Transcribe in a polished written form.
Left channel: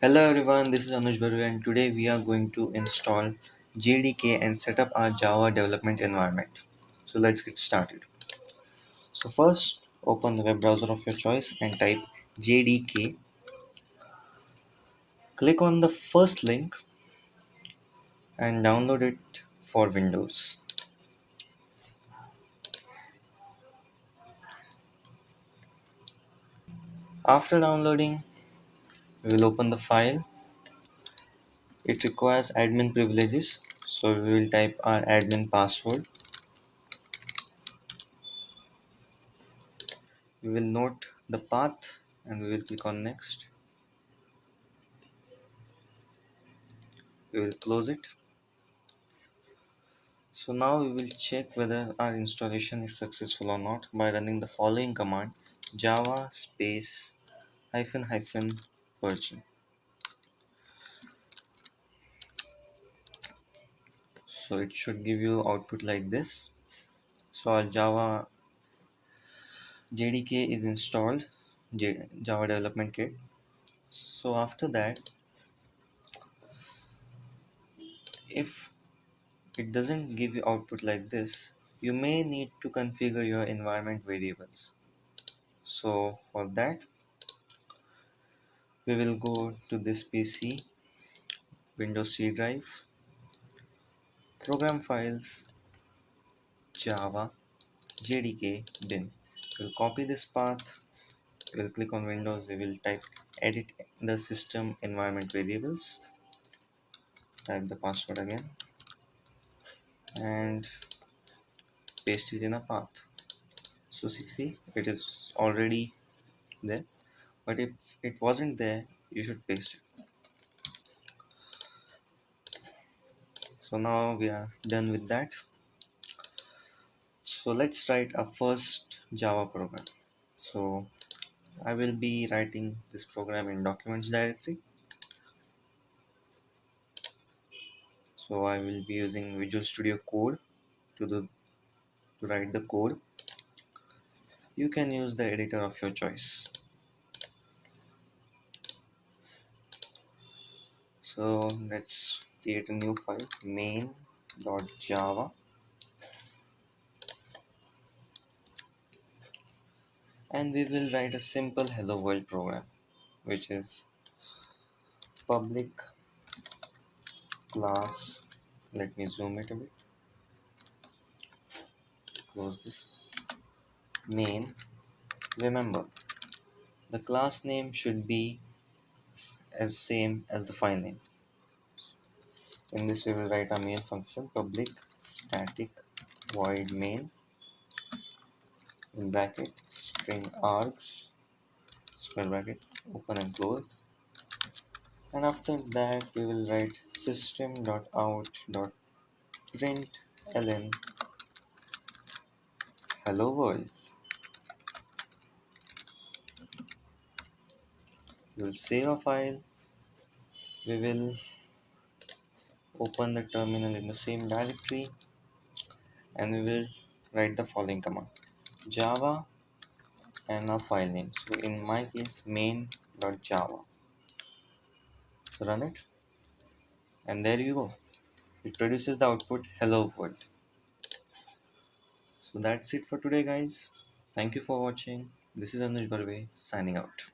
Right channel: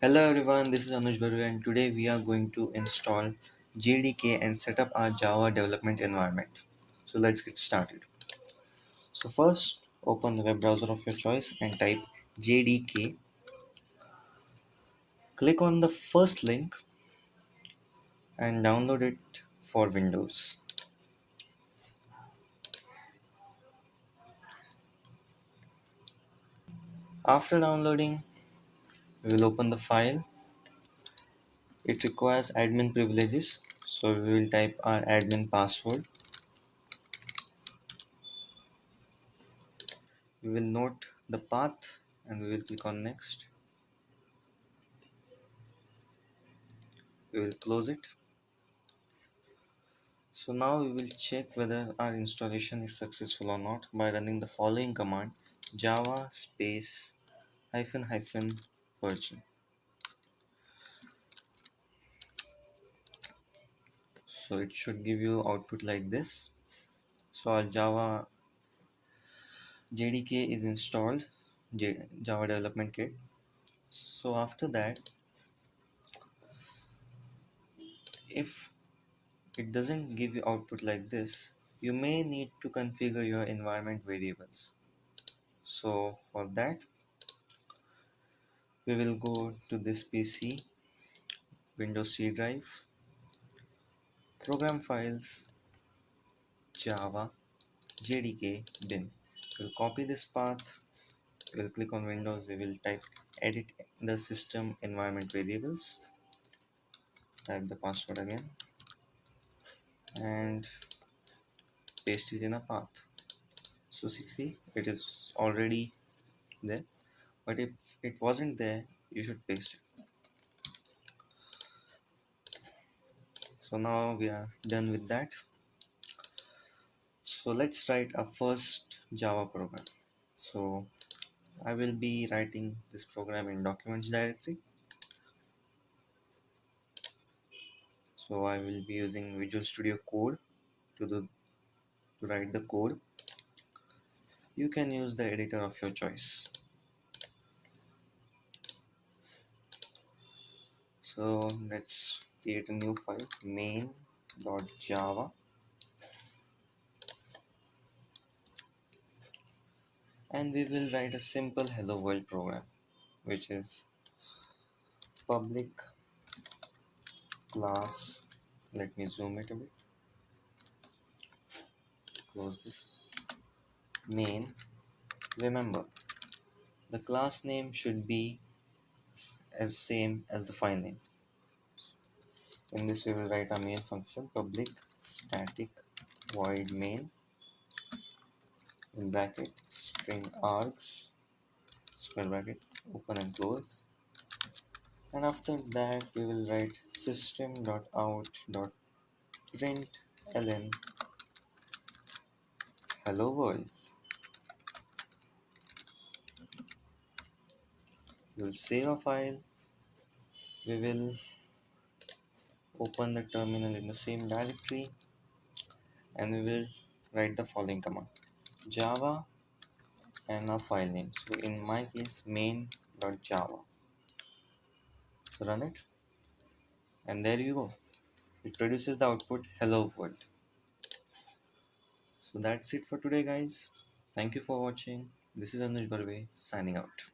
Hello everyone, this is Anuj Barve and today we are going to install JDK and set up our Java development environment. So let's get started. So first open the web browser of your choice and type JDK. Click on the first link and download it for Windows. After downloading, we will open the file. It requires admin privileges, so we will type our admin password. We will note the path and we will click on next. We will close it. So now we will check whether our installation is successful or not by running the following command: java space hyphen hyphen virgin. So it should give you output like this. So our Java JDK is installed, Java development kit. So after that, if it doesn't give you output like this, you may need to configure your environment variables. So for that, we will go to this PC, Windows C drive, program files, Java, JDK, bin. We'll copy this path, we'll click on Windows, we will type edit the system environment variables, type the password again, and paste it in a path. So see, it is already there, but if it wasn't there, you should paste it. So now we are done with that. So let's write our first Java program. So I will be writing this program in documents directory. So I will be using Visual Studio Code to write the code. You can use the editor of your choice. So let's create a new file, main.java, and we will write a simple hello world program, which is public class. Let me zoom it a bit. Close this. Main. Remember, the class name should be as same as the file name. In this we will write our main function, public static void main, in bracket string args, square bracket, open and close, and after that we will write system.out.println hello world. We will save a file. We will open the terminal in the same directory and we will write the following command: java and our file name. So in my case, main.java. Run it, and there you go. It produces the output hello world. So that's it for today, guys. Thank you for watching. This is Anuj Barve signing out.